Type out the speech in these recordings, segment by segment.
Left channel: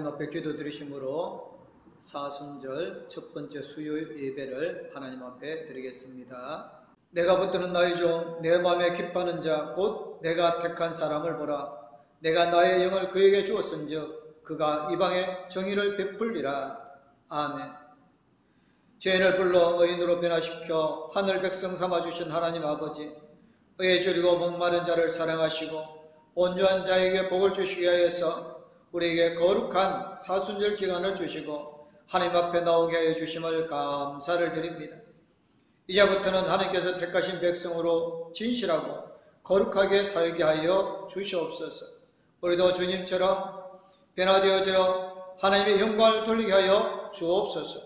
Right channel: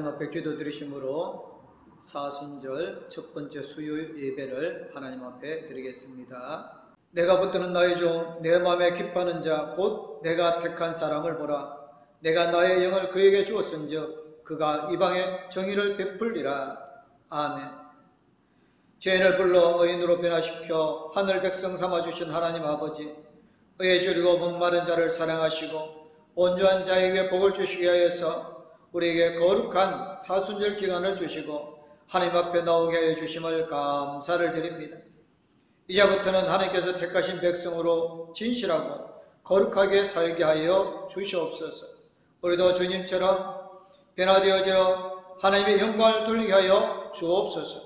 하나님 앞에 기도드리심으로 사순절 첫 번째 수요일 예배를 하나님 앞에 드리겠습니다. 내가 붙드는 나의 종 내 마음에 기뻐하는 자 곧 내가 택한 사람을 보라. 내가 나의 영을 그에게 주었은즉 그가 이방에 정의를 베풀리라. 아멘. 죄인을 불러 의인으로 변화시켜 하늘 백성 삼아주신 하나님 아버지, 의에 줄이고 목마른 자를 사랑하시고 온유한 자에게 복을 주시게 하여서 우리에게 거룩한 사순절 기간을 주시고 하나님 앞에 나오게 하여 주심을 감사를 드립니다. 이제부터는 하나님께서 택하신 백성으로 진실하고 거룩하게 살게 하여 주시옵소서. 우리도 주님처럼 변화되어져 하나님의 영광을 돌리게 하여 주옵소서.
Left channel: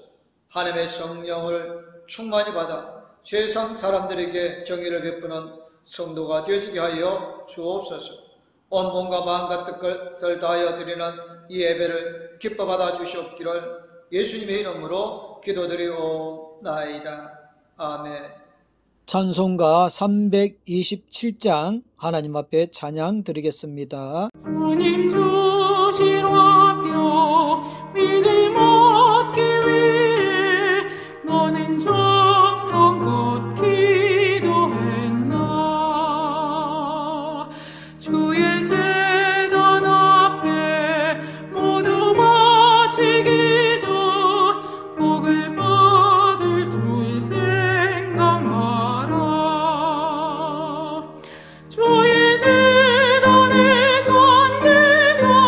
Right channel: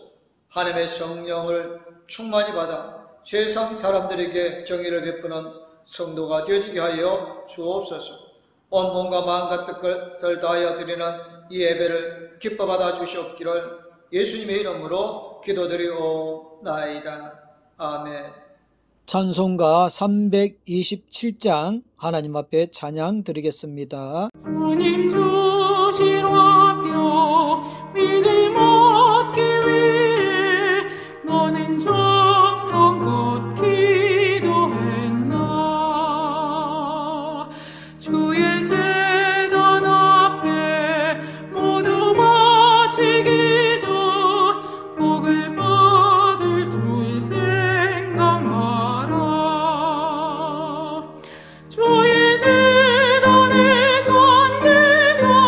하나님의 성령을 충만히 받아 세상 사람들에게 정의를 베푸는 성도가 되어지게 하여 주옵소서. 온 몸과 마음과 뜻을 다하여 드리는 이 예배를 기뻐 받아 주시옵기를 예수님의 이름으로 기도드리옵나이다. 아멘. 찬송가 327장 하나님 앞에 찬양 드리겠습니다. 주님 주신 화평 믿음 얻기 위해 너는 정성껏 기도했나. 주의 제단 앞에 모두 바치기 전 복을 받을 줄 생각하라. 주의 제단에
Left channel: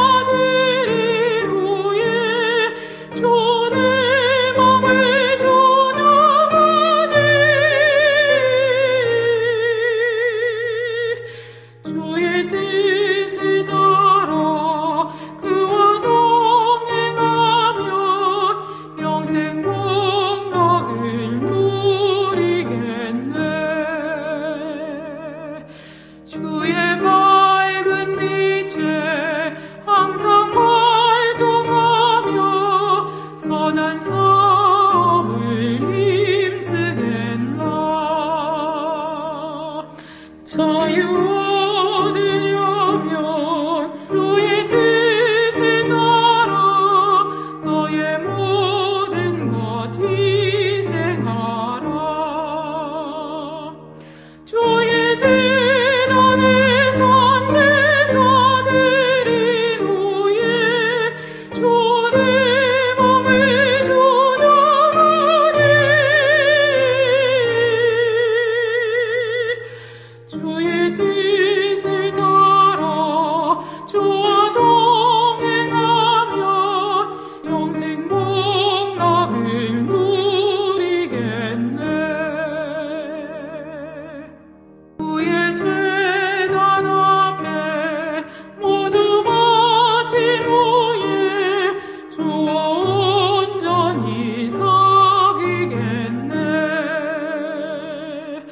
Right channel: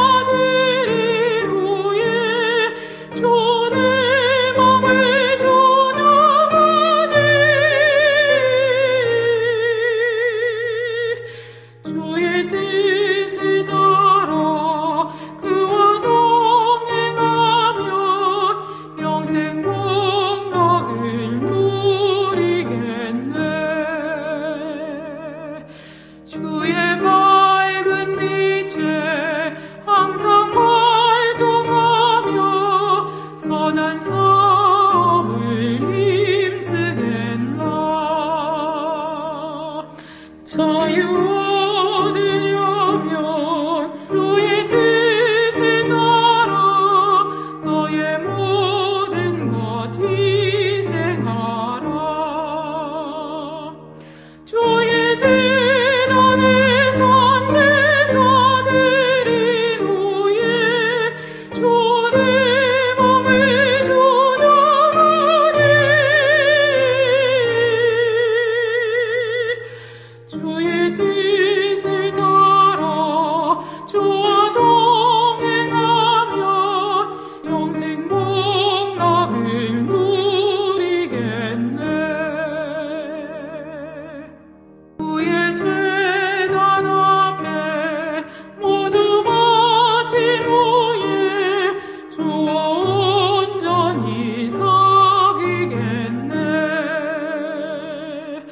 선제사들이 후에 주의 몸을 조정하니 주의 뜻을 따라 그와 동행하면 영생 복락을 누리겠네. 주의 밝은 빛에 항상 활동하며 선한 사업을 힘쓰겠나. 자유 얻으려면 주의 뜻을 따라 너의 모든 것 희생하라. 주의 제단에 선제사들인 후에 주의 몸을 조정하니 주의 뜻을 따라 주와 동행하면 영생 복락을 누리겠네. 주의 제단 앞에 모두 바친 후에 주와 온전히 사귀겠네.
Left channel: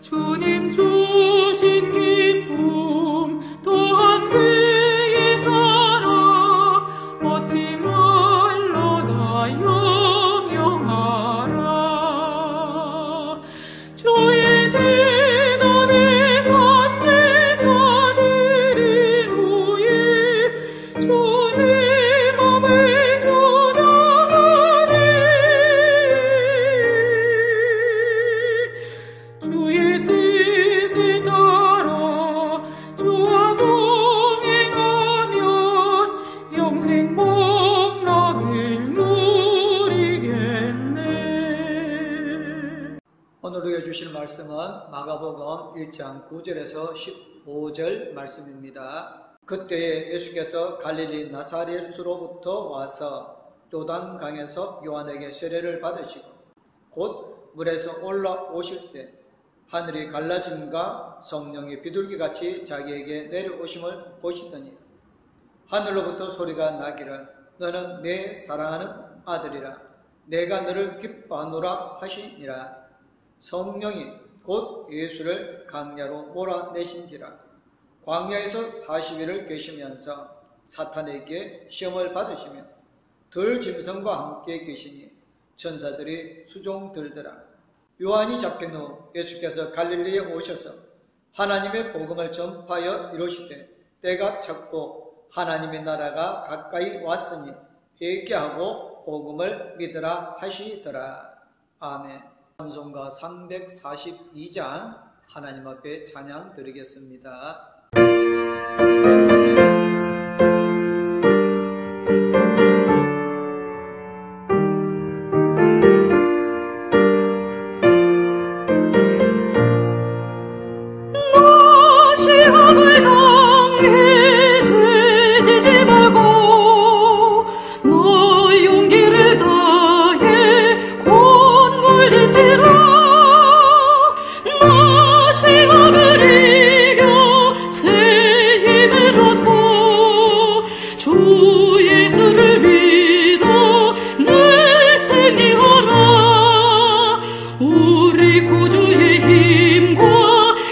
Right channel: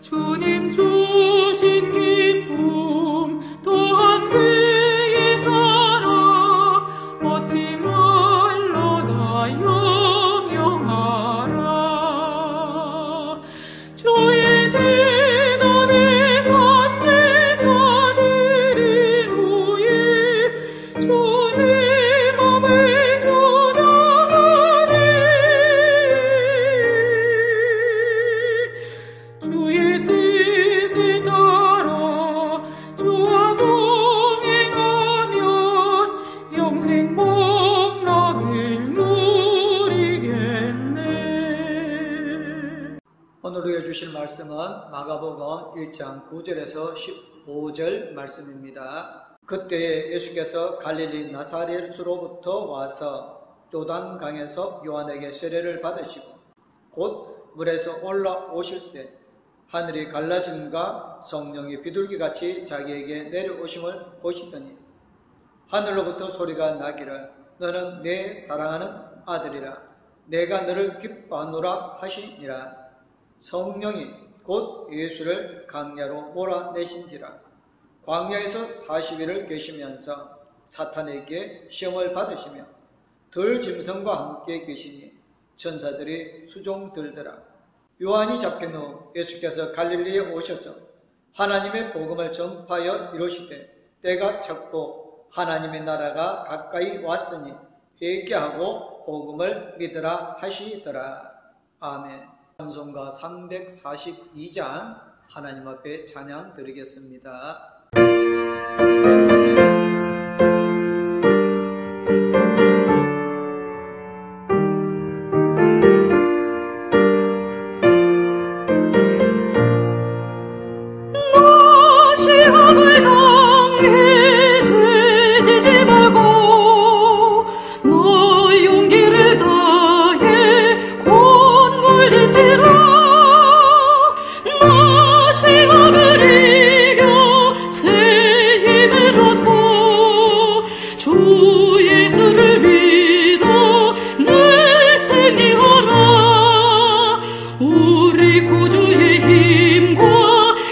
주님 주신 기쁨 또한 그의 사랑 얻지 말라다 영영하라. 주의 제단에 선제사들인 후에 주의 몸을 조정하니 주의 뜻을 따라 주와 동행하면 영생 복락을 누리겠네. 오늘 우리에게 주실 말씀은 마가복음 1장 9절에서 15절 말씀입니다. 그때 예수께서 갈릴리 나사렛으로부터 와서 요단강에서 요한에게 세례를 받으시고 곧 물에서 올라오실새 하늘이 갈라짐과 성령이 비둘기같이 자기에게 내려오심을 보시더니 하늘로부터 소리가 나기를 너는 내 사랑하는 아들이라 내가 너를 기뻐하노라 하시니라. 성령이 곧 예수를 광야로 몰아내신지라. 광야에서 40일을 계시면서 사탄에게 시험을 받으시며 들 짐승과 함께 계시니 천사들이 수종 들더라. 요한이 잡힌 후 예수께서 갈릴리에 오셔서 하나님의 복음을 전파하여 이르시되 때가 찼고 하나님의 나라가 가까이 왔으니 회개하고 복음을 믿으라 하시더라. 아멘. 찬송가 342장 하나님 앞에 찬양 드리겠습니다. 시험을 당해 죄지지 말고 너 용기를 다해 곧 물리치라. 너 시험을 이겨 새 힘을 얻고 주 예수를 믿어 늘 승리하라. 우리 구주의 힘과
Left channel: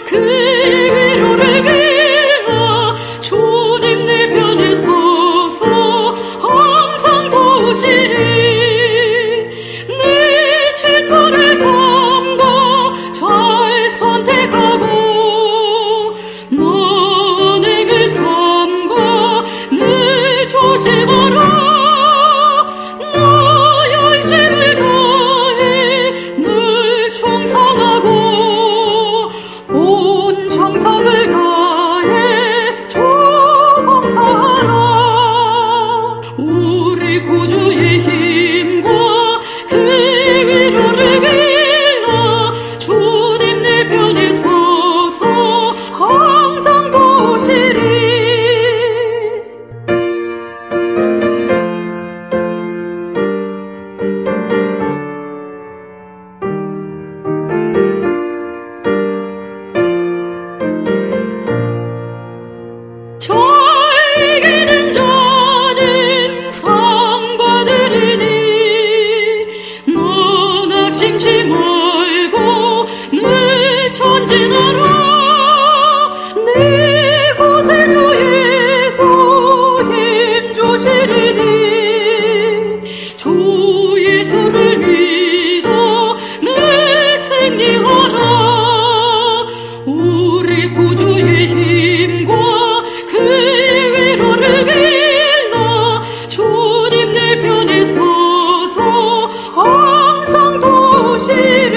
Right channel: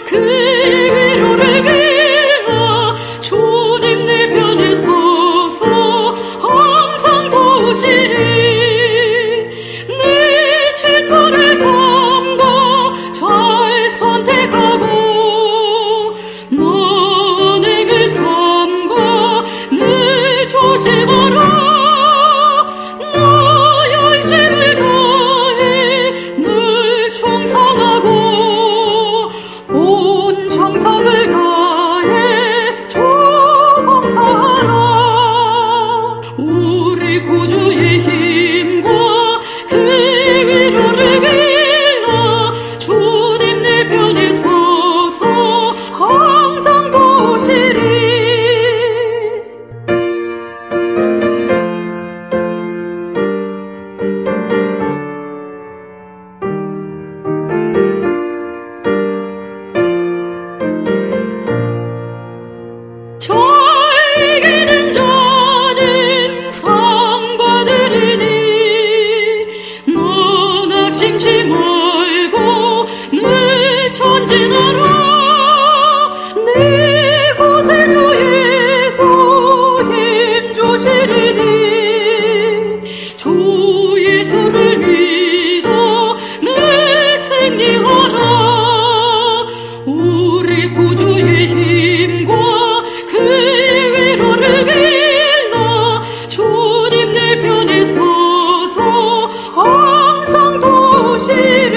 그의 위로를 빌어 주님 내 편에 서서 항상 도우시리. 네 친구를 삼가 잘 선택하고 너 은행을 삼가 늘 조심하라. 너 열심을 다해 늘 충성하고 온 정성을 다해 주 봉사하라. 우리 구주의 힘과 그의 위로를 빌어 주님 내 편에 서서 항상 도우시리. 이기는 자는 상 받으리니 너 낙심치 말고 늘 전진하라. 네 곳에 주 예수 힘 주시리니 주 예수를 믿어 늘 승리하라. 우리 구주의 힘과 그의 위로를 빌어 주님 내 편에 서서 항상 도우시리.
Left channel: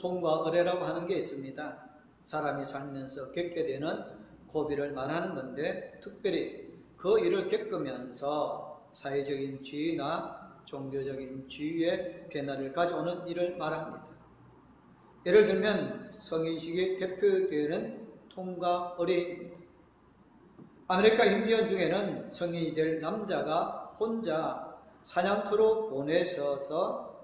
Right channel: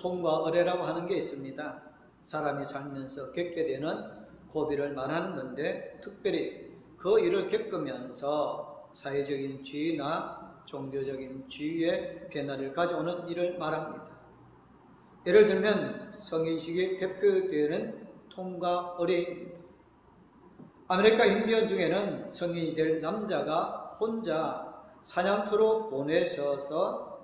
통과 의례라고 하는 게 있습니다. 사람이 살면서 겪게 되는 고비를 말하는 건데, 특별히 그 일을 겪으면서 사회적인 지위나 종교적인 지위의 변화를 가져오는 일을 말합니다. 예를 들면 성인식이 대표되는 통과 의례입니다. 아메리카 인디언 중에는 성인이 될 남자가 혼자 사냥터로 보내셔서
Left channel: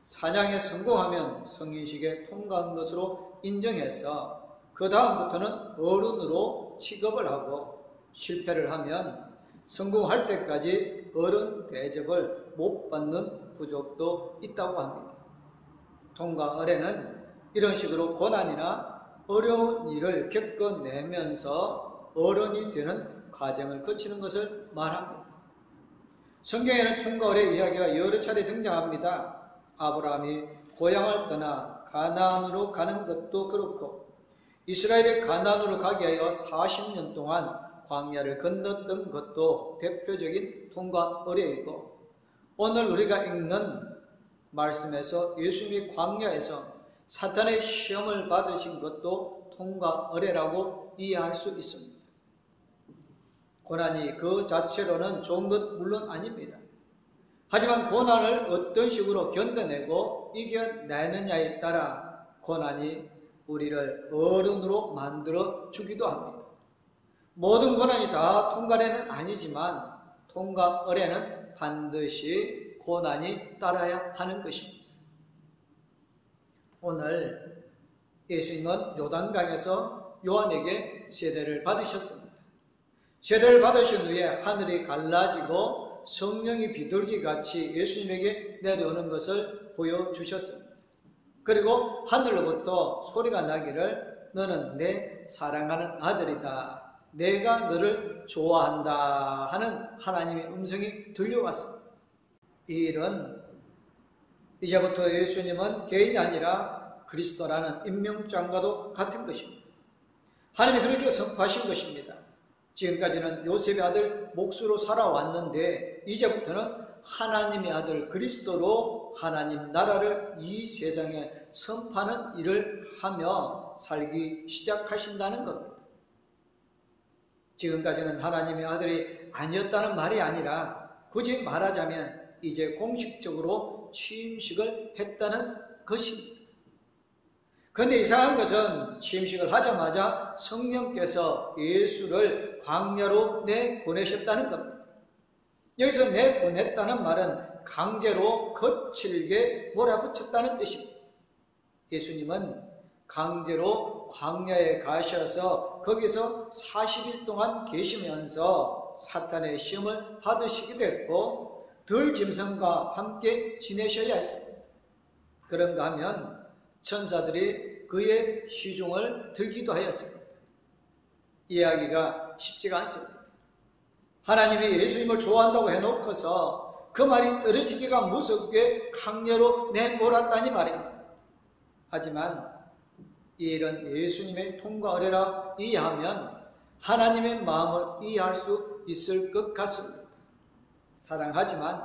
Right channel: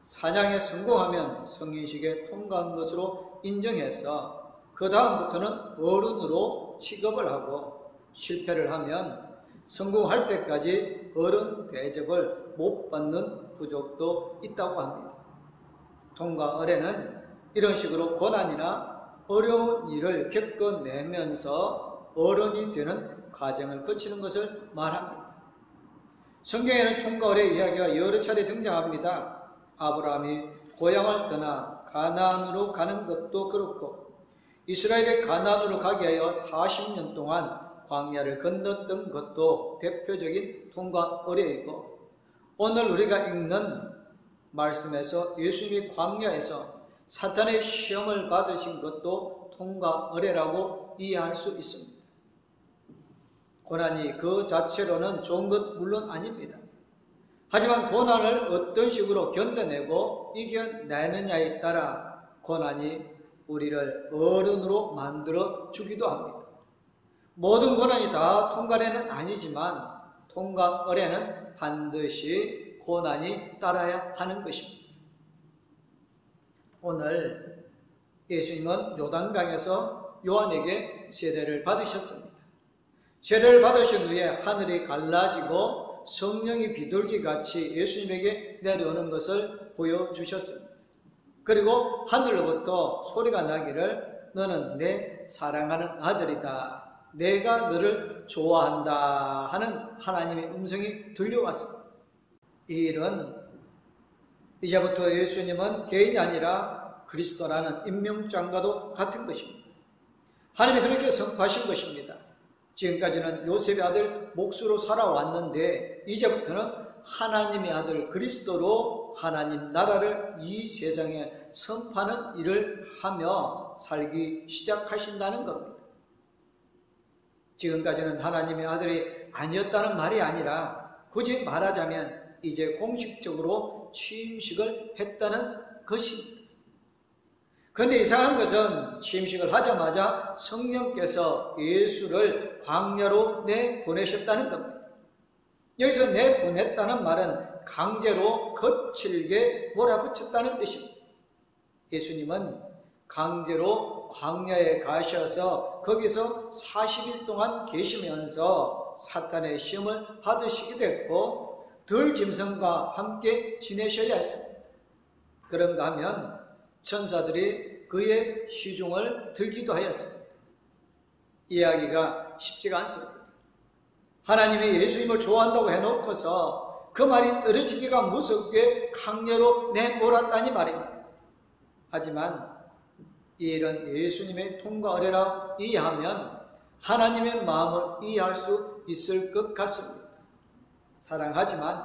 사냥에 성공하면 성인식에 통과한 것으로 인정해서 그 다음부터는 어른으로 취급을 하고, 실패를 하면 성공할 때까지 어른 대접을 못 받는 부족도 있다고 합니다. 통과 의례는 이런 식으로 고난이나 어려운 일을 겪어내면서 어른이 되는 과정을 거치는 것을 말합니다. 성경에는 통과 의례 이야기가 여러 차례 등장합니다. 아브라함이 고향을 떠나 가나안으로 가는 것도 그렇고, 이스라엘이 가나안으로 가게 하여 40년 동안 광야를 건넜던 것도 대표적인 통과 의례이고, 오늘 우리가 읽는 말씀에서 예수님이 광야에서 사탄의 시험을 받으신 것도 통과 의례라고 이해할 수 있습니다. 고난이 그 자체로는 좋은 것 물론 아닙니다. 하지만 고난을 어떤 식으로 견뎌내고 이겨내느냐에 따라 고난이 우리를 어른으로 만들어 주기도 합니다. 모든 고난이 다 통과 의례는 아니지만 통과 의례는 반드시 고난이 따라야 하는 것입니다. 오늘 예수님은 요단강에서 요한에게 세례를 받으셨습니다. 세례를 받으신 후에 하늘이 갈라지고 성령이 비둘기같이 예수님에게 내려오는 것을 보여주셨습니다. 그리고 하늘로부터 소리가 나기를 너는 내 사랑하는 아들이다, 내가 너를 좋아한다 하는 하나님의 음성이 들려왔습니다. 이 일은 이제부터 예수님은 개인이 아니라 그리스도라는 임명장과도 같은 것입니다. 하나님이 그렇게 선포하신 것입니다. 지금까지는 요셉의 아들 목수로 살아왔는데 이제부터는 하나님의 아들 그리스도로 하나님 나라를 이 세상에 선포하는 일을 하며 살기 시작하신다는 겁니다. 지금까지는 하나님의 아들이 아니었다는 말이 아니라 굳이 말하자면 이제 공식적으로 취임식을 했다는 것입니다. 그런데 이상한 것은 취임식을 하자마자 성령께서 예수를 광야로 내보내셨다는 겁니다. 여기서 내보냈다는 말은 강제로 거칠게 몰아붙였다는 뜻입니다. 예수님은 강제로 광야에 가셔서 거기서 40일 동안 계시면서 사탄의 시험을 받으시게 됐고 들 짐승과 함께 지내셔야 했습니다. 그런가 하면 천사들이 그의 시중을 들기도 하였습니다. 이야기가 쉽지가 않습니다. 하나님이 예수님을 좋아한다고 해놓고서 그 말이 떨어지기가 무섭게 강제로 내몰았다니 말입니다. 하지만 이 일은 예수님의 통과 의례라 이해하면 하나님의 마음을 이해할 수 있을 것 같습니다. 사랑하지만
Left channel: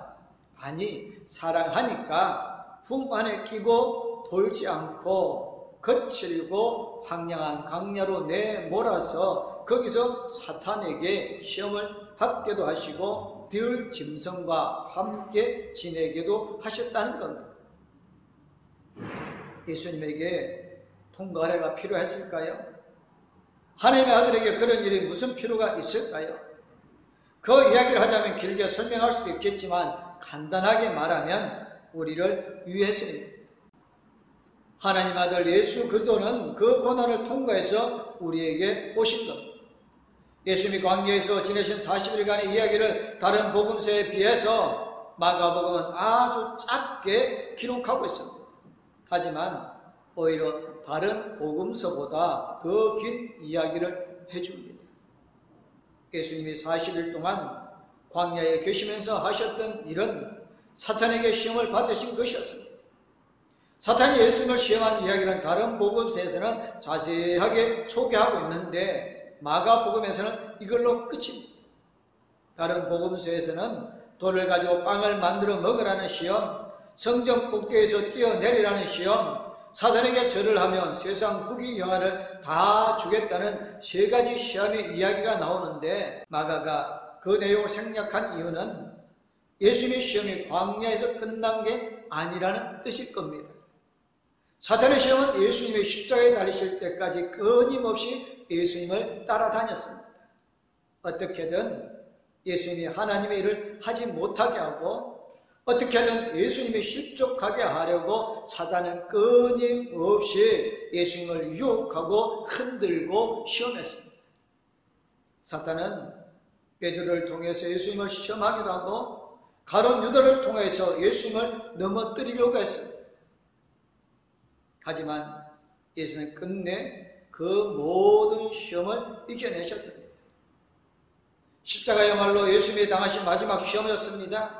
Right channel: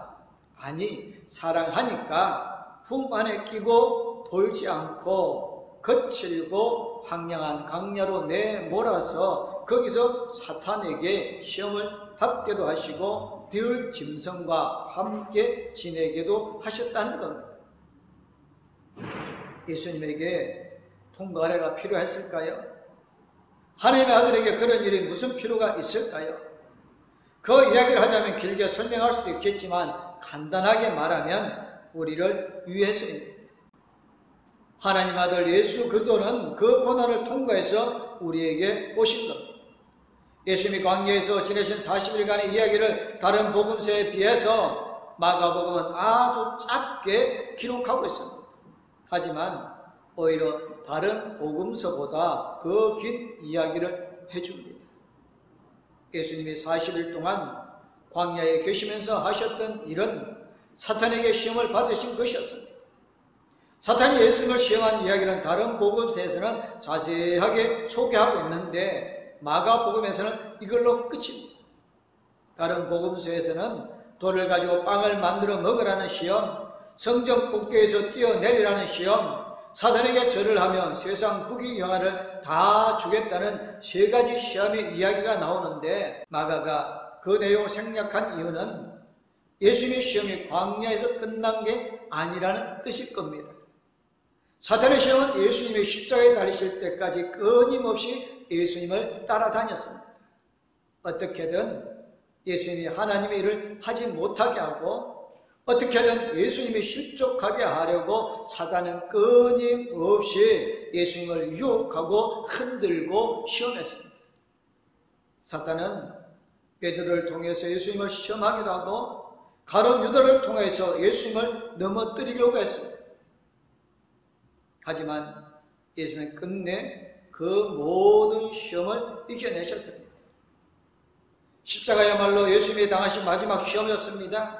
사랑하니까 품 안에 끼고 돌지 않고 거칠고 황량한 강야로 내몰아서 거기서 사탄에게 시험을 받게도 하시고 들 짐승과 함께 지내게도 하셨다는 겁니다. 예수님에게 통과 의례가 필요했을까요? 하나님의 아들에게 그런 일이 무슨 필요가 있을까요? 그 이야기를 하자면 길게 설명할 수도 있겠지만 간단하게 말하면 우리를 위해서입니다. 하나님 아들 예수 그리스도는 그 고난을 통과해서 우리에게 오신 겁니다. 예수님이 광야에서 지내신 40일간의 이야기를 다른 복음서에 비해서 마가복음은 아주 짧게 기록하고 있습니다. 하지만 오히려 다른 복음서보다 더 긴 이야기를 해줍니다. 예수님이 40일 동안 광야에 계시면서 하셨던 일은 사탄에게 시험을 받으신 것이었습니다. 사탄이 예수님을 시험한 이야기는 다른 복음서에서는 자세하게 소개하고 있는데 마가복음에서는 이걸로 끝입니다. 다른 복음서에서는 돌을 가지고 빵을 만들어 먹으라는 시험, 성전 꼭대기에서 뛰어내리라는 시험, 사탄에게 절을 하면 세상 후기 영화를 다 주겠다는 3가지 시험의 이야기가 나오는데 마가가 그 내용을 생략한 이유는 예수님의 시험이 광야에서 끝난 게 아니라는 뜻일 겁니다. 사탄의 시험은 예수님이 십자가에 달리실 때까지 끊임없이 예수님을 따라다녔습니다. 어떻게든 예수님이 하나님의 일을 하지 못하게 하고 어떻게든 예수님이 실족하게 하려고 사단은 끊임없이 예수님을 유혹하고 흔들고 시험했습니다. 사탄은 베드로를 통해서 예수님을 시험하기도 하고 가룟 유다를 통해서 예수님을 넘어뜨리려고 했습니다. 하지만 예수님은 끝내 그 모든 시험을 이겨내셨습니다. 십자가야말로 예수님이 당하신 마지막 시험이었습니다.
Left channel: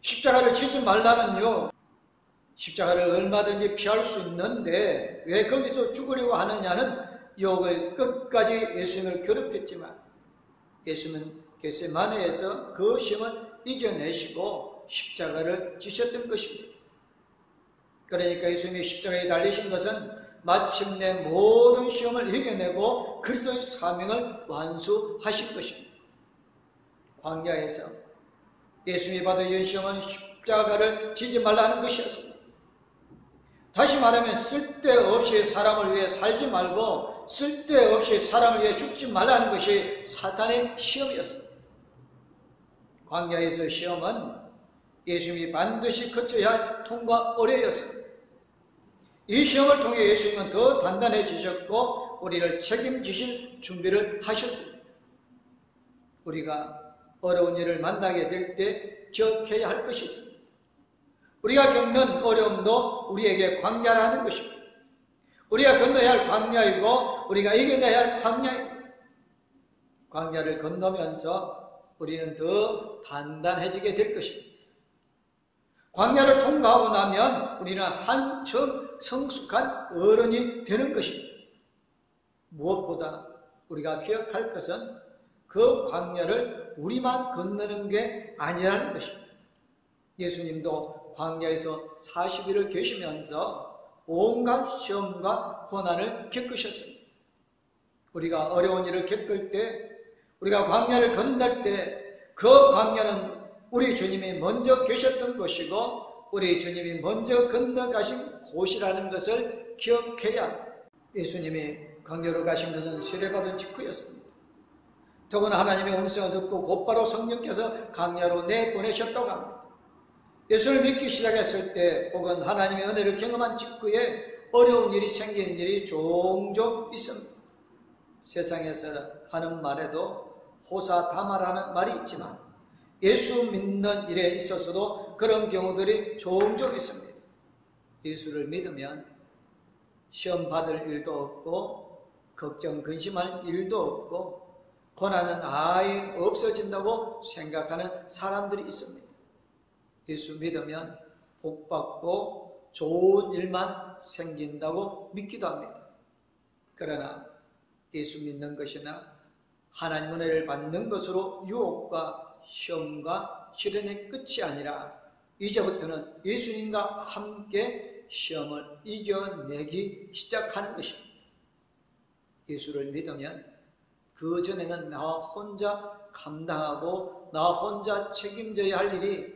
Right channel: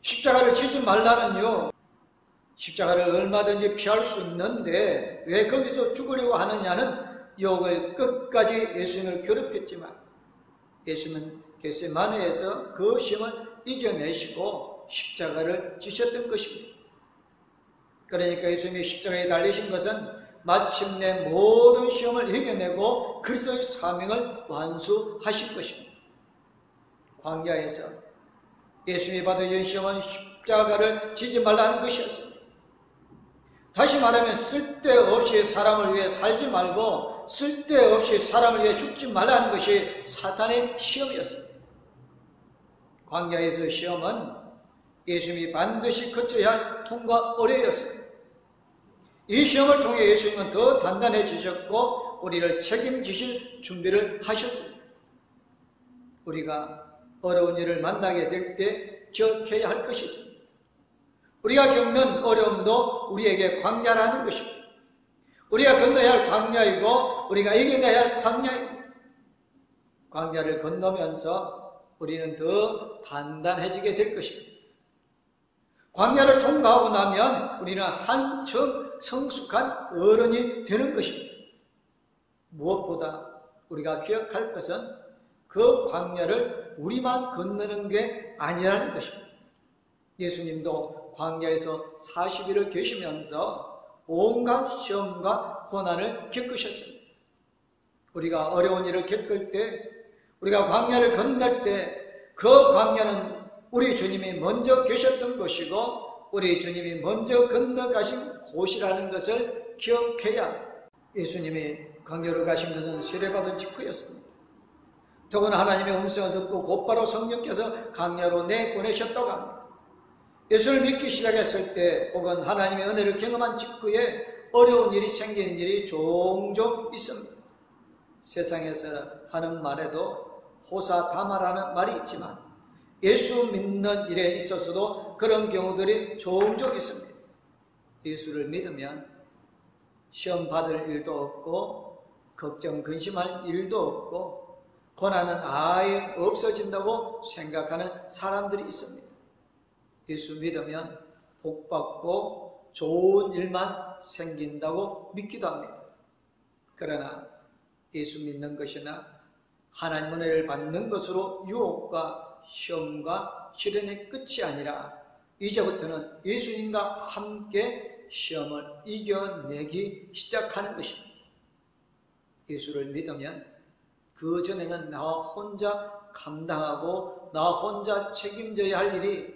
십자가를 지지 말라는요, 십자가를 얼마든지 피할 수 있는데 왜 거기서 죽으려고 하느냐는 유혹을 끝까지 예수님을 괴롭혔지만 예수님은 겟세마네에서 그 시험을 이겨내시고 십자가를 지셨던 것입니다. 그러니까 예수님이 십자가에 달리신 것은 마침내 모든 시험을 이겨내고 그리스도의 사명을 완수하신 것입니다. 광야에서 예수님이 받으신 시험은 십자가를 지지 말라는 것이었습니다. 다시 말하면 쓸데없이 사람을 위해 살지 말고 쓸데없이 사람을 위해 죽지 말라는 것이 사탄의 시험이었습니다. 광야에서 시험은 예수님이 반드시 거쳐야 할 통과 의례였습니다. 이 시험을 통해 예수님은 더 단단해지셨고 우리를 책임지실 준비를 하셨습니다. 우리가 어려운 일을 만나게 될 때 기억해야 할 것이 있습니다. 우리가 겪는 어려움도 우리에게 광야라는 것입니다. 우리가 건너야 할 광야이고 우리가 이겨내야 할 광야입니다. 광야를 건너면서 우리는 더 단단해지게 될 것입니다. 광야를 통과하고 나면 우리는 한층 성숙한 어른이 되는 것입니다. 무엇보다 우리가 기억할 것은 그 광야를 우리만 건너는 게 아니라는 것입니다. 예수님도 광야에서 40일을 계시면서 온갖 시험과 고난을 겪으셨습니다. 우리가 어려운 일을 겪을 때, 우리가 광야를 건널 때 그 광야는 우리 주님이 먼저 계셨던 것이고 우리 주님이 먼저 건너가신 곳이라는 것을 기억해야 합니다. 예수님이 광야로 가신 것은 세례받은 직후였습니다. 더구나 하나님의 음성을 듣고 곧바로 성령께서 광야로 내보내셨다고 합니다. 예수를 믿기 시작했을 때 혹은 하나님의 은혜를 경험한 직후에 어려운 일이 생기는 일이 종종 있습니다. 세상에서 하는 말에도 호사다마라는 말이 있지만 예수 믿는 일에 있어서도 그런 경우들이 종종 있습니다. 예수를 믿으면 시험 받을 일도 없고 걱정 근심할 일도 없고 고난은 아예 없어진다고 생각하는 사람들이 있습니다. 예수 믿으면 복받고 좋은 일만 생긴다고 믿기도 합니다. 그러나 예수 믿는 것이나 하나님 은혜를 받는 것으로 유혹과 시험과 시련의 끝이 아니라 이제부터는 예수님과 함께 시험을 이겨내기 시작하는 것입니다. 예수를 믿으면 그 전에는 나 혼자 감당하고 나 혼자 책임져야 할 일이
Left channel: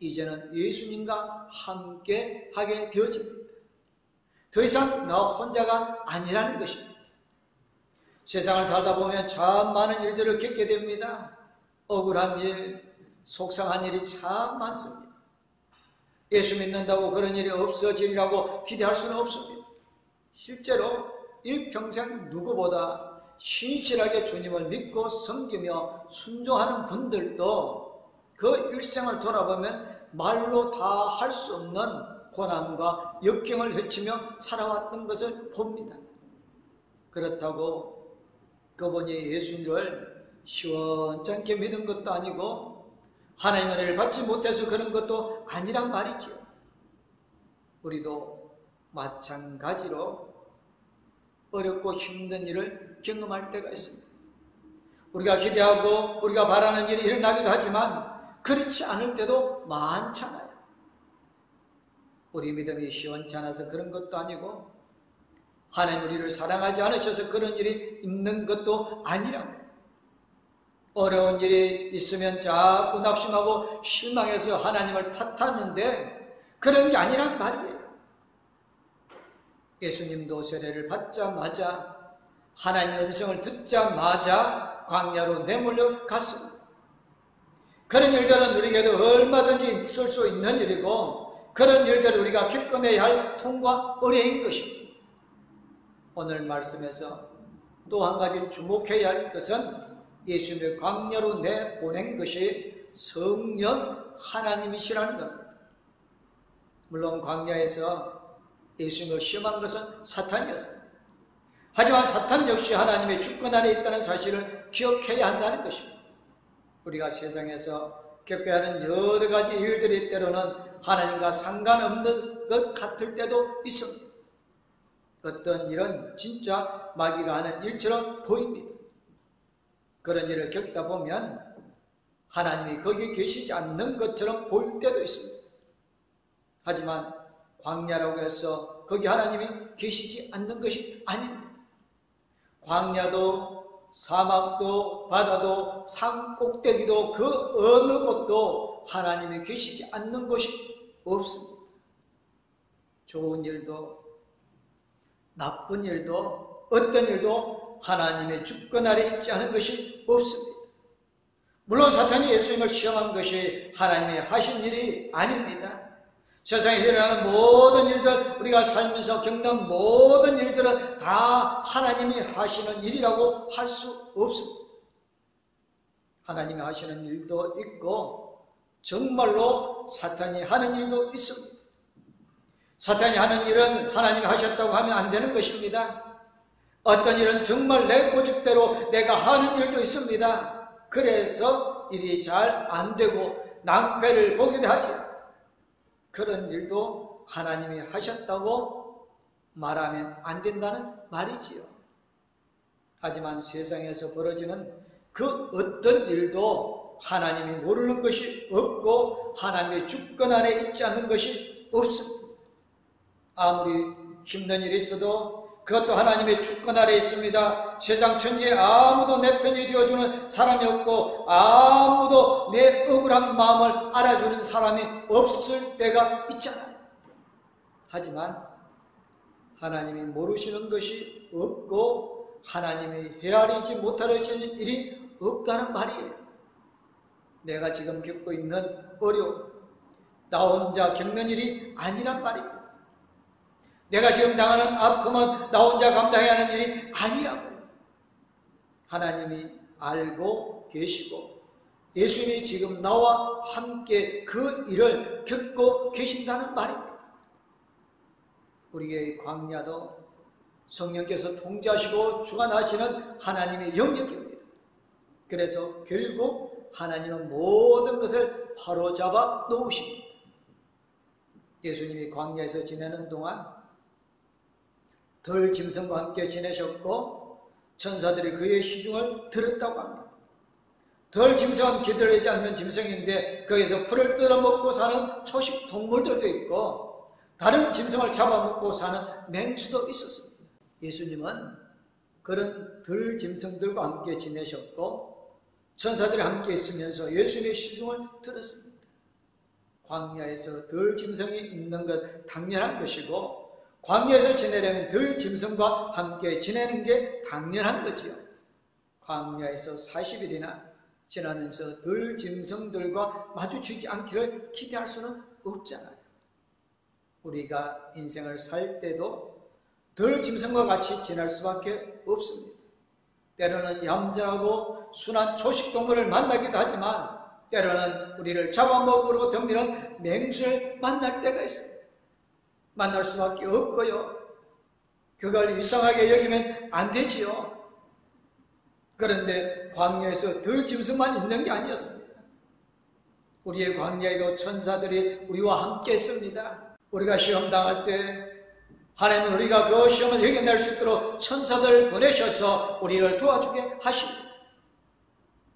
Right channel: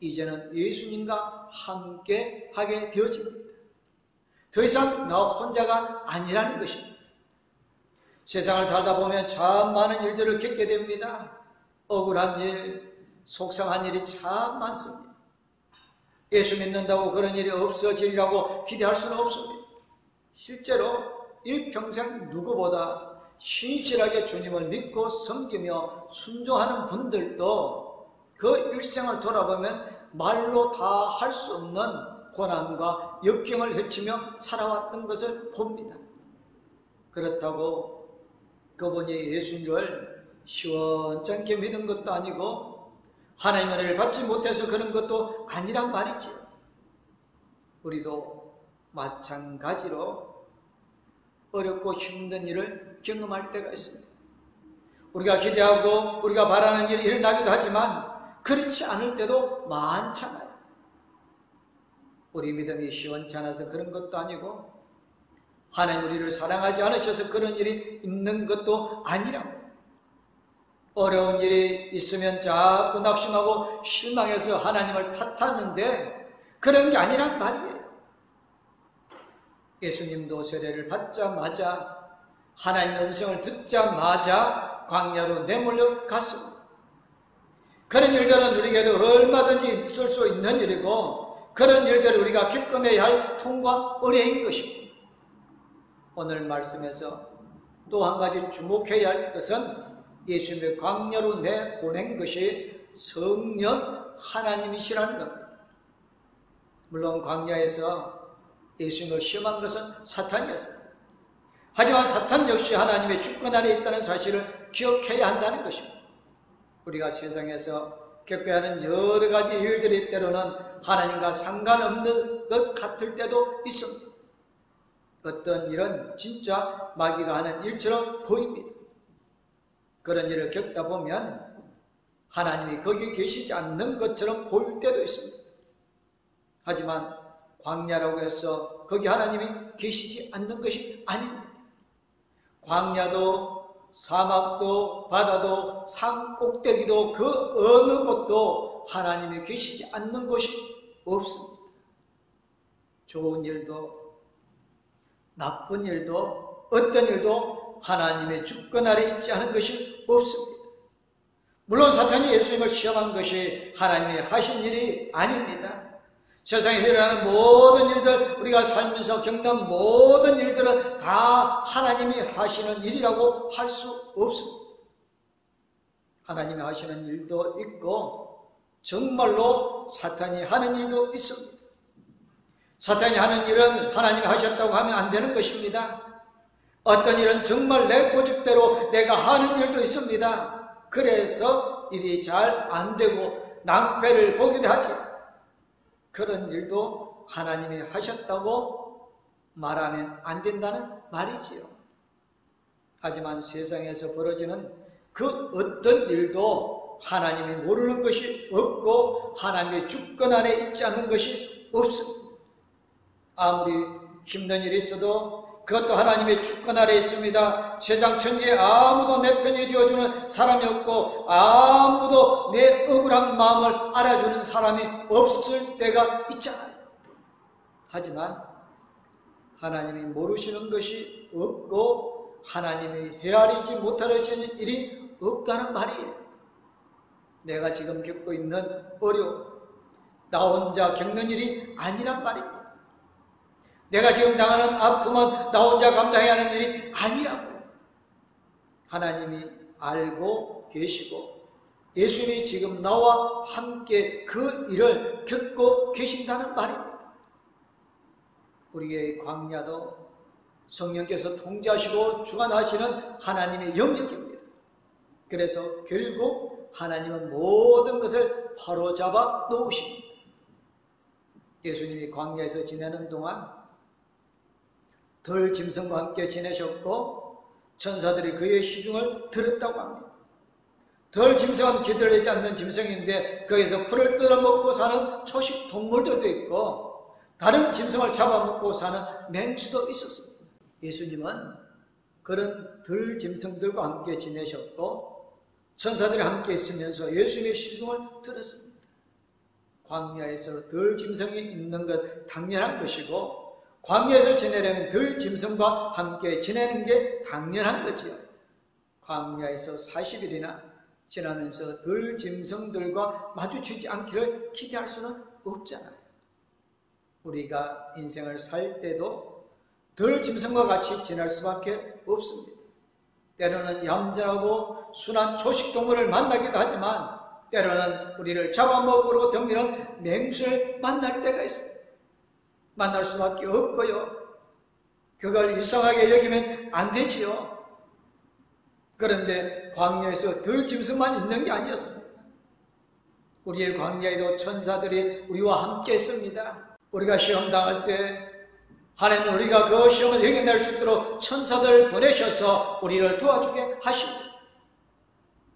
이제는 예수님과 함께 하게 되어집니다. 더 이상 나 혼자가 아니라는 것입니다. 세상을 살다 보면 참 많은 일들을 겪게 됩니다. 억울한 일, 속상한 일이 참 많습니다. 예수 믿는다고 그런 일이 없어지리라고 기대할 수는 없습니다. 실제로 일평생 누구보다 신실하게 주님을 믿고 섬기며 순종하는 분들도 그 일생을 돌아보면 말로 다 할 수 없는 고난과 역경을 헤치며 살아왔던 것을 봅니다. 그렇다고 그분이 예수님을 시원찮게 믿은 것도 아니고 하나님의 은혜를 받지 못해서 그런 것도 아니란 말이죠. 우리도 마찬가지로 어렵고 힘든 일을 경험할 때가 있습니다. 우리가 기대하고 우리가 바라는 일이 일어나기도 하지만 그렇지 않을 때도 많잖아요. 우리 믿음이 시원찮아서 그런 것도 아니고 하나님 우리를 사랑하지 않으셔서 그런 일이 있는 것도 아니라고. 어려운 일이 있으면 자꾸 낙심하고 실망해서 하나님을 탓하는데 그런 게 아니란 말이에요. 예수님도 세례를 받자마자 하나님의 음성을 듣자마자 광야로 내몰려 갔습니다. 그런 일들은 우리에게도 얼마든지 있을 수 있는 일이고 그런 일들을 우리가 겪어내야 할 통과 의례인 것입니다. 오늘 말씀에서 또 한 가지 주목해야 할 것은 예수님의 광야로 내보낸 것이 성령 하나님이시라는 겁니다. 물론 광야에서 예수님을 시험한 것은 사탄이었습니다. 하지만 사탄 역시 하나님의 주권 아래 있다는 사실을 기억해야 한다는 것입니다. 우리가 세상에서 겪어야 하는 여러 가지 일들이 때로는 하나님과 상관없는 것 같을 때도 있습니다. 어떤 일은 진짜 마귀가 하는 일처럼 보입니다. 그런 일을 겪다 보면 하나님이 거기 계시지 않는 것처럼 보일 때도 있습니다. 하지만 광야라고 해서 거기 하나님이 계시지 않는 것이 아닙니다. 광야도 사막도 바다도 산 꼭대기도 그 어느 곳도 하나님이 계시지 않는 곳이 없습니다. 좋은 일도 나쁜 일도 어떤 일도 하나님의 주권 아래 있지 않은 것이 없습니다. 물론 사탄이 예수님을 시험한 것이 하나님이 하신 일이 아닙니다. 세상에 일어나는 모든 일들, 우리가 살면서 겪는 모든 일들은 다 하나님이 하시는 일이라고 할 수 없습니다. 하나님이 하시는 일도 있고 정말로 사탄이 하는 일도 있습니다. 사탄이 하는 일은 하나님이 하셨다고 하면 안 되는 것입니다. 어떤 일은 정말 내 고집대로 내가 하는 일도 있습니다. 그래서 일이 잘 안 되고 낭패를 보기도 하죠. 그런 일도 하나님이 하셨다고 말하면 안 된다는 말이지요. 하지만 세상에서 벌어지는 그 어떤 일도 하나님이 모르는 것이 없고 하나님의 주권 아래 있지 않는 것이 없습니다. 아무리 힘든 일이 있어도 그것도 하나님의 주권 아래 있습니다. 세상 천지에 아무도 내 편이 되어주는 사람이 없고 아무도 내 억울한 마음을 알아주는 사람이 없을 때가 있잖아요. 하지만 하나님이 모르시는 것이 없고 하나님이 헤아리지 못하시는 일이 없다는 말이에요. 내가 지금 겪고 있는 어려움, 나 혼자 겪는 일이 아니란 말입니다. 내가 지금 당하는 아픔은 나 혼자 감당해야 하는 일이 아니라고. 하나님이 알고 계시고 예수님이 지금 나와 함께 그 일을 겪고 계신다는 말입니다. 우리의 광야도 성령께서 통제하시고 주관하시는 하나님의 영역입니다. 그래서 결국 하나님은 모든 것을 바로잡아 놓으십니다. 예수님이 광야에서 지내는 동안 덜 짐승과 함께 지내셨고 천사들이 그의 시중을 들었다고 합니다. 덜 짐승은 기다리지 않는 짐승인데 거기서 풀을 뜯어먹고 사는 초식 동물들도 있고 다른 짐승을 잡아먹고 사는 맹수도 있었습니다. 예수님은 그런 덜 짐승들과 함께 지내셨고 천사들이 함께 있으면서 예수님의 시중을 들었습니다. 광야에서 덜 짐승이 있는 것 당연한 것이고 광야에서 지내려면 덜 짐승과 함께 지내는 게 당연한 거지요. 광야에서 40일이나 지나면서 덜 짐승들과 마주치지 않기를 기대할 수는 없잖아요. 우리가 인생을 살 때도 덜 짐승과 같이 지낼 수밖에 없습니다. 때로는 얌전하고 순한 초식동물을 만나기도 하지만 때로는 우리를 잡아먹으러 덤비는 맹수를 만날 때가 있습니다. 만날 수밖에 없고요. 그걸 이상하게 여기면 안 되지요. 그런데 광야에서 덜 짐승만 있는 게 아니었습니다. 우리의 광야에도 천사들이 우리와 함께 있습니다. 우리가 시험 당할 때 하나님은 우리가 그 시험을 해결할 수 있도록 천사들을 보내셔서 우리를 도와주게 하십니다.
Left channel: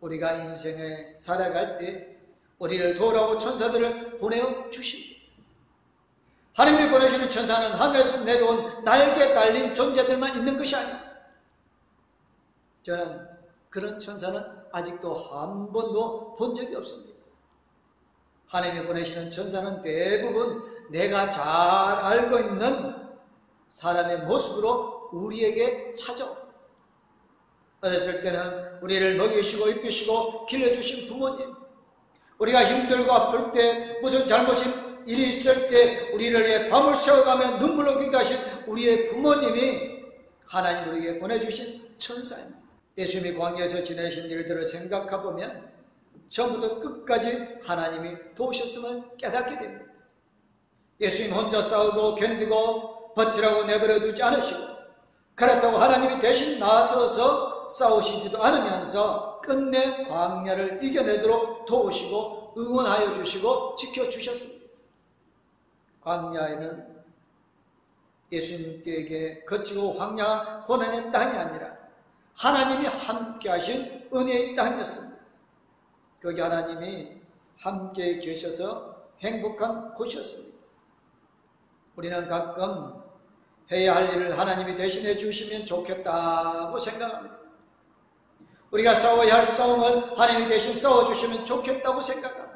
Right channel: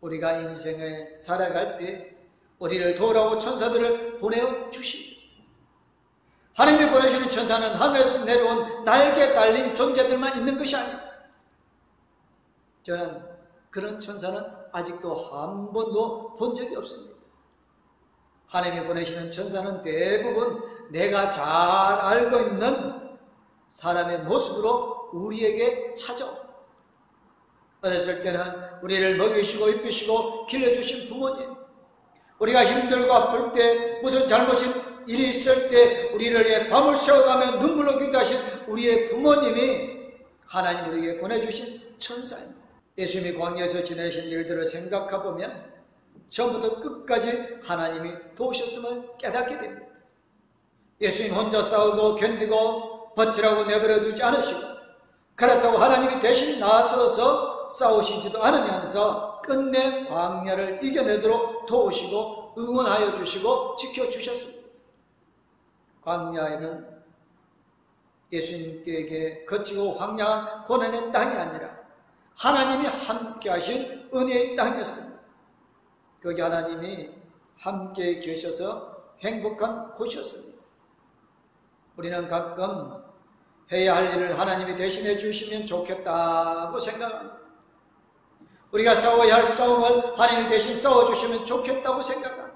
우리가 인생에 살아갈 때 우리를 도우라고 천사들을 보내주십니다. 하나님이 보내주는 천사는 하늘에서 내려온 날개 달린 존재들만 있는 것이 아닙니다. 저는 그런 천사는 아직도 한 번도 본 적이 없습니다. 하나님이 보내시는 천사는 대부분 내가 잘 알고 있는 사람의 모습으로 우리에게 찾아옵니다. 어렸을 때는 우리를 먹이시고 입히시고 길러주신 부모님, 우리가 힘들고 아플 때 무슨 잘못인 일이 있을 때 우리를 위해 밤을 새워가며 눈물로 기도하신 우리의 부모님이 하나님 우리에게 보내주신 천사입니다. 예수님이 광야에서 지내신 일들을 생각해보면 처음부터 끝까지 하나님이 도우셨음을 깨닫게 됩니다. 예수님 혼자 싸우고 견디고 버티라고 내버려 두지 않으시고 그렇다고 하나님이 대신 나서서 싸우시지도 않으면서 끝내 광야를 이겨내도록 도우시고 응원하여 주시고 지켜주셨습니다. 광야에는 예수님께 거치고 황량한 고난의 땅이 아니라 하나님이 함께 하신 은혜의 땅이었습니다. 거기 하나님이 함께 계셔서 행복한 곳이었습니다. 우리는 가끔 해야 할 일을 하나님이 대신해 주시면 좋겠다고 생각합니다. 우리가 싸워야 할 싸움을 하나님이 대신 싸워주시면 좋겠다고 생각합니다.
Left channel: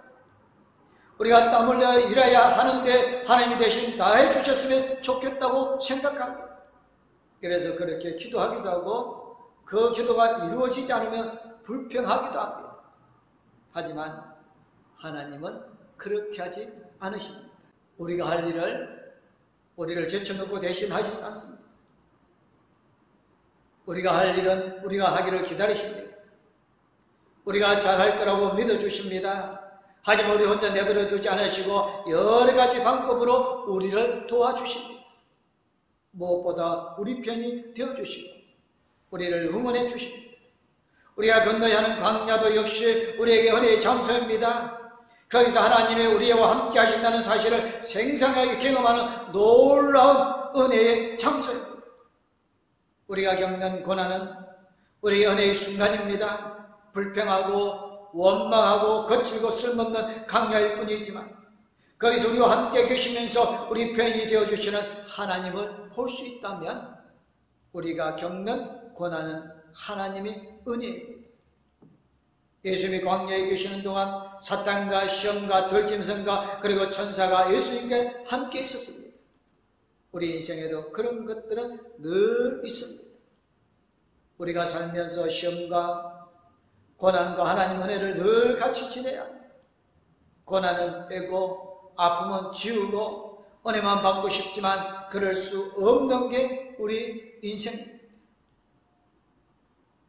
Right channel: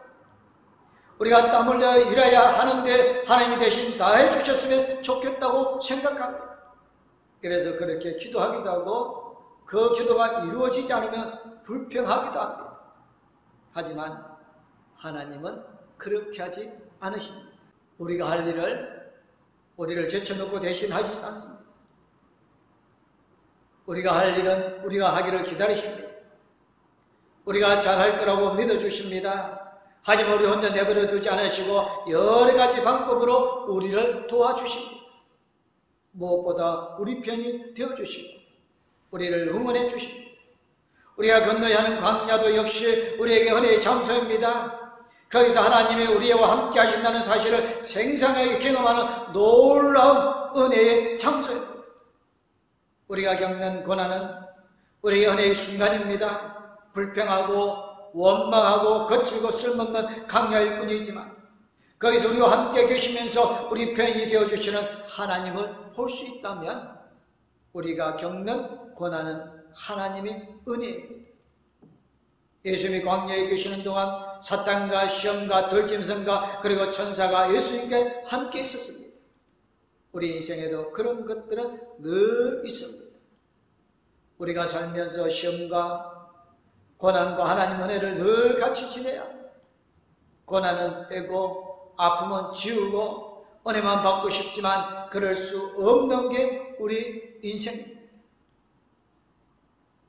우리가 땀 흘려 일해야 하는데 하나님이 대신 다 해주셨으면 좋겠다고 생각합니다. 그래서 그렇게 기도하기도 하고 그 기도가 이루어지지 않으면 불평하기도 합니다. 하지만 하나님은 그렇게 하지 않으십니다. 우리가 할 일을 우리를 제쳐놓고 대신 하시지 않습니다. 우리가 할 일은 우리가 하기를 기다리십니다. 우리가 잘할 거라고 믿어주십니다. 하지만 우리 혼자 내버려 두지 않으시고 여러 가지 방법으로 우리를 도와주십니다. 무엇보다 우리 편이 되어주시고 우리를 응원해 주십니다. 우리가 건너야 하는 광야도 역시 우리에게 은혜의 장소입니다. 거기서 하나님이 우리와 함께 하신다는 사실을 생생하게 경험하는 놀라운 은혜의 장소입니다. 우리가 겪는 고난은 우리 은혜의 순간입니다. 불평하고 원망하고 거칠고 쓸모없는 강야일 뿐이지만 거기서 우리와 함께 계시면서 우리 편이 되어주시는 하나님을 볼 수 있다면 우리가 겪는 고난은 하나님의 은혜입니다. 예수님이 광야에 계시는 동안 사탄과 시험과 들짐승과 그리고 천사가 예수님께 함께 있었습니다. 우리 인생에도 그런 것들은 늘 있습니다. 우리가 살면서 시험과 고난과 하나님 은혜를 늘 같이 지내야 합니다. 고난은 빼고 아픔은 지우고 은혜만 받고 싶지만 그럴 수 없는 게 우리 인생입니다.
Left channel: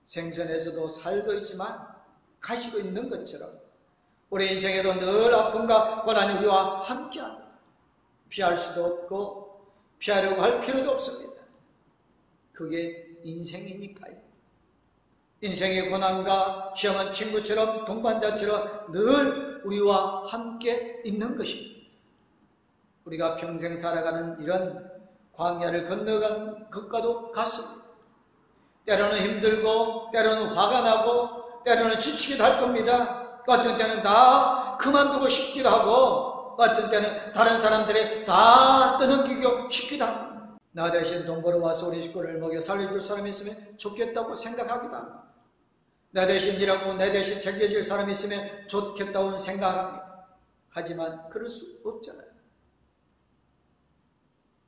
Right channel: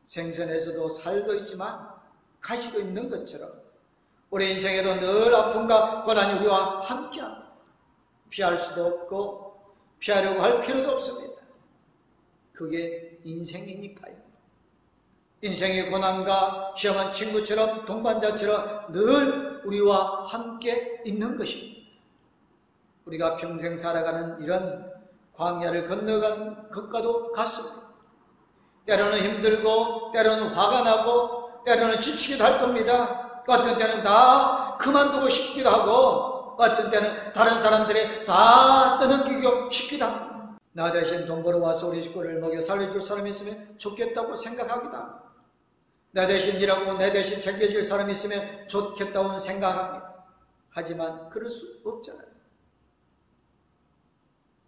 생선에서도 살도 있지만 가시도 있는 것처럼 우리 인생에도 늘 아픔과 고난이 우리와 함께합니다. 피할 수도 없고 피하려고 할 필요도 없습니다. 그게 인생이니까요. 인생의 고난과 시험은 친구처럼 동반자처럼 늘 우리와 함께 있는 것입니다. 우리가 평생 살아가는 이런 광야를 건너가는 것과도 같습니다. 때로는 힘들고 때로는 화가 나고 때로는 지치기도 할 겁니다. 어떤 때는 다 그만두고 싶기도 하고 어떤 때는 다른 사람들이 다 떠넘기고 싶기도 합니다. 나 대신 돈 벌어와서 우리 식구를 먹여 살려줄 사람이 있으면 좋겠다고 생각하기도 합니다. 나 대신 일하고 내 대신 챙겨줄 사람이 있으면 좋겠다고 생각합니다. 하지만 그럴 수 없잖아요.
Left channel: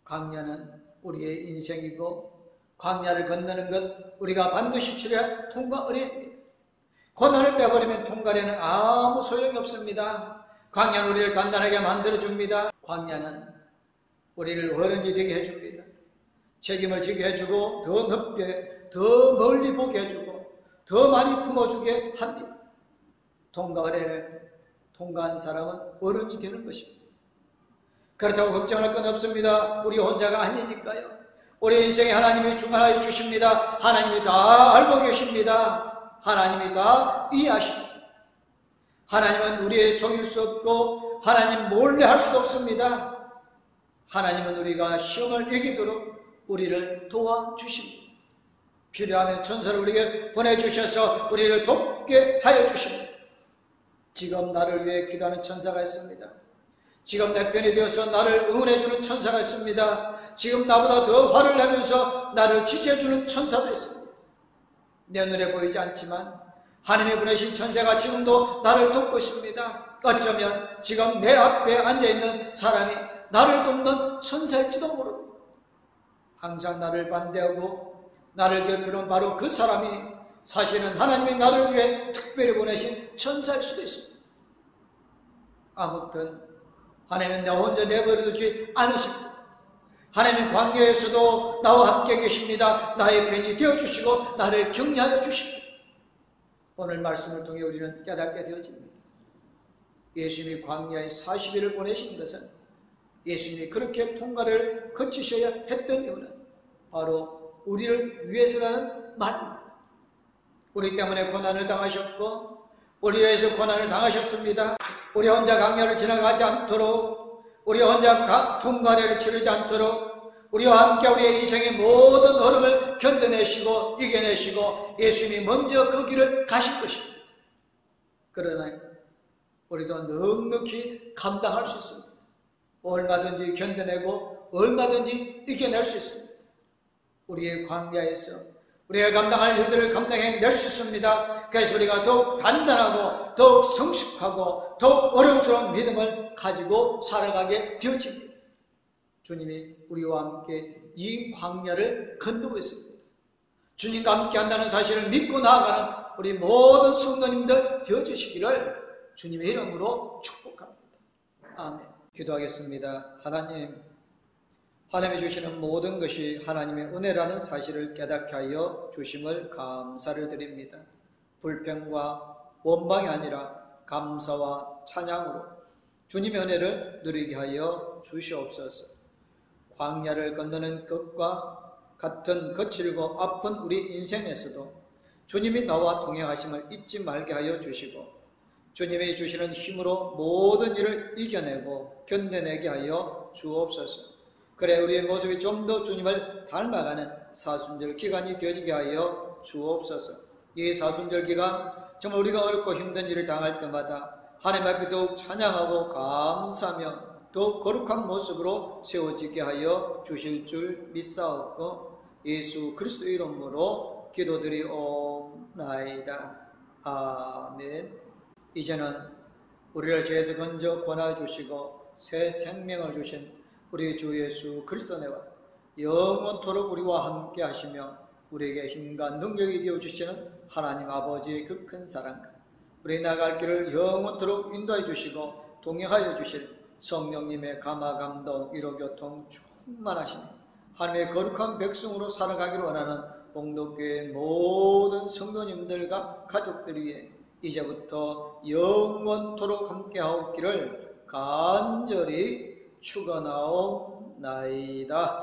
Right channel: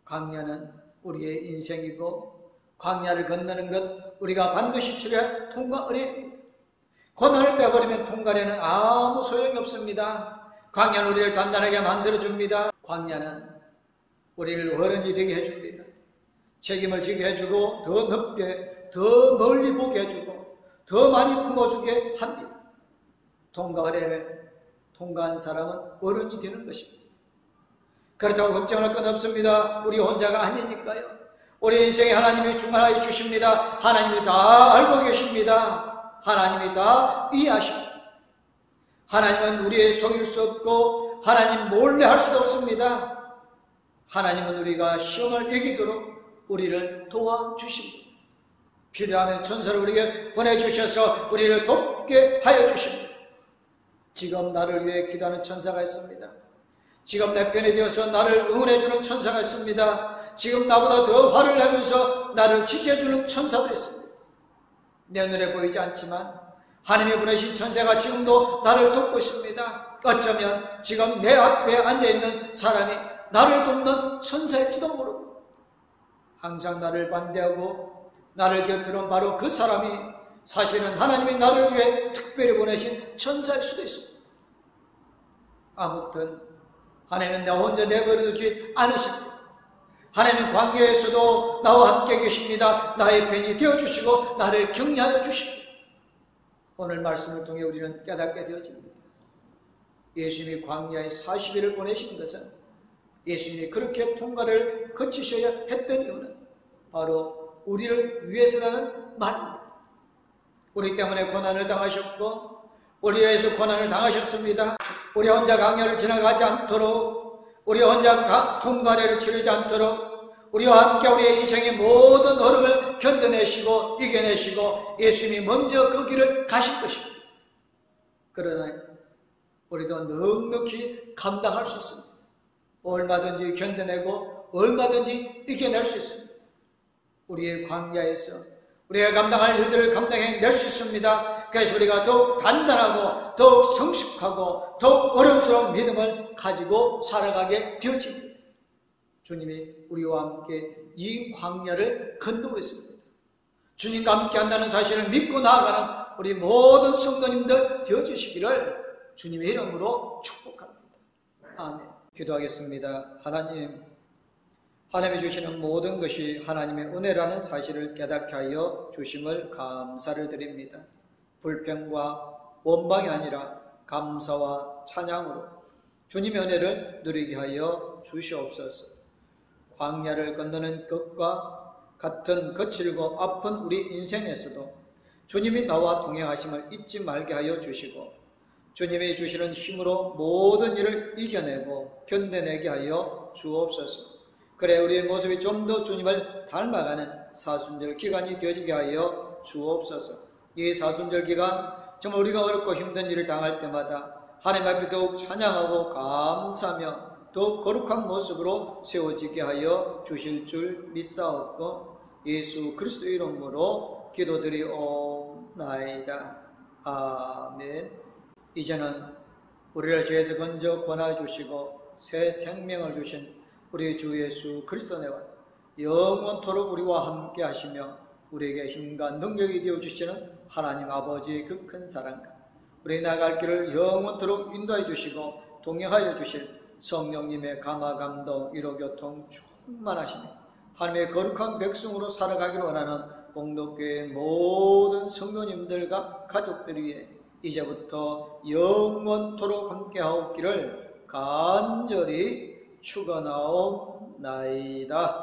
광야는 우리의 인생이고 광야를 건너는 것 우리가 반드시 치러야 통과 은혜입니다. 고난을 빼버리면 통과에는 아무 소용이 없습니다. 광야는 우리를 단단하게 만들어줍니다. 광야는 우리를 어른이 되게 해줍니다. 책임을 지게 해주고 더 넓게 더 멀리 보게 해주고 더 많이 품어주게 합니다. 통과 은혜를 통과한 사람은 어른이 되는 것입니다. 그렇다고 걱정할 건 없습니다. 우리 혼자가 아니니까요. 우리 인생에 하나님이 주관하여 주십니다. 하나님이 다 알고 계십니다. 하나님이 다 이해하십니다. 하나님은 우리의 속일 수 없고 하나님 몰래 할 수도 없습니다. 하나님은 우리가 시험을 이기도록 우리를 도와주십니다. 필요하면 천사를 우리에게 보내주셔서 우리를 돕게 하여 주십니다. 지금 나를 위해 기도하는 천사가 있습니다. 지금 내 편이 되어서 나를 응원해주는 천사가 있습니다. 지금 나보다 더 화를 내면서 나를 지지해주는 천사도 있습니다. 내 눈에 보이지 않지만 하나님이 보내신 천사가 지금도 나를 돕고 있습니다. 어쩌면 지금 내 앞에 앉아있는 사람이 나를 돕는 천사일지도 모릅니다. 항상 나를 반대하고 나를 괴롭히는 바로 그 사람이 사실은 하나님이 나를 위해 특별히 보내신 천사일 수도 있습니다. 아무튼 하나님은 나 혼자 내버려두지 않으십니다. 하나님은 광야에서도 나와 함께 계십니다. 나의 편이 되어주시고 나를 격려하여 주십니다. 오늘 말씀을 통해 우리는 깨닫게 되어집니다. 예수님이 광야에 40일을 보내신 것은 예수님이 그렇게 통과를 거치셔야 했던 이유는 바로 우리를 위해서라는 말입니다. 우리 때문에 고난을 당하셨고 우리 위해서 고난을 당하셨습니다. 우리 혼자 광야를 지나가지 않도록 우리 혼자 통과를 치르지 않도록 우리와 함께 우리의 인생의 모든 어려움을 견뎌내시고 이겨내시고 예수님이 먼저 그 길을 가신 것입니다. 그러나 우리도 넉넉히 감당할 수 있습니다. 얼마든지 견뎌내고 얼마든지 이겨낼 수 있습니다. 우리의 광야에서 우리가 감당할 일들을 감당해낼 수 있습니다. 그래서 우리가 더욱 단단하고 더욱 성숙하고 더욱 어려움스러운 믿음을 가지고 살아가게 되어집니다. 주님이 우리와 함께 이 광야를 건너고 있습니다. 주님과 함께 한다는 사실을 믿고 나아가는 우리 모든 성도님들 되어주시기를 주님의 이름으로 축복합니다. 아멘. 기도하겠습니다. 하나님이 주시는 모든 것이 하나님의 은혜라는 사실을 깨닫게 하여 주심을 감사를 드립니다. 불평과 원망이 아니라 감사와 찬양으로 주님의 은혜를 누리게 하여 주시옵소서. 광야를 건너는 것과 같은 거칠고 아픈 우리 인생에서도 주님이 나와 동행하심을 잊지 말게 하여 주시고 주님이 주시는 힘으로 모든 일을 이겨내고 견뎌내게 하여 주옵소서. 그래 우리의 모습이 좀 더 주님을 닮아가는 사순절 기간이 되어지게 하여 주옵소서. 이 사순절 기간 정말 우리가 어렵고 힘든 일을 당할 때마다 하나님 앞에 더욱 찬양하고 감사하며 더욱 거룩한 모습으로 세워지게 하여 주실 줄 믿사옵고 예수 그리스도 이름으로 기도드리옵나이다. 아멘. 이제는 우리를 죄에서 건져 권하여 주시고 새 생명을 주신 우리 주 예수 그리스도네와 영원토록 우리와 함께 하시며 우리에게 힘과 능력이 되어주시는 하나님 아버지의 그 큰 사랑과 우리 나갈 길을 영원토록 인도해 주시고 동행하여 주실 성령님의 감화감동 위로교통 충만하시며 하나님의 거룩한 백성으로 살아가기를 원하는 봉독교회의 모든 성도님들과 가족들 위해 이제부터 영원토록 함께하옵기를 간절히 축원하옵나이다.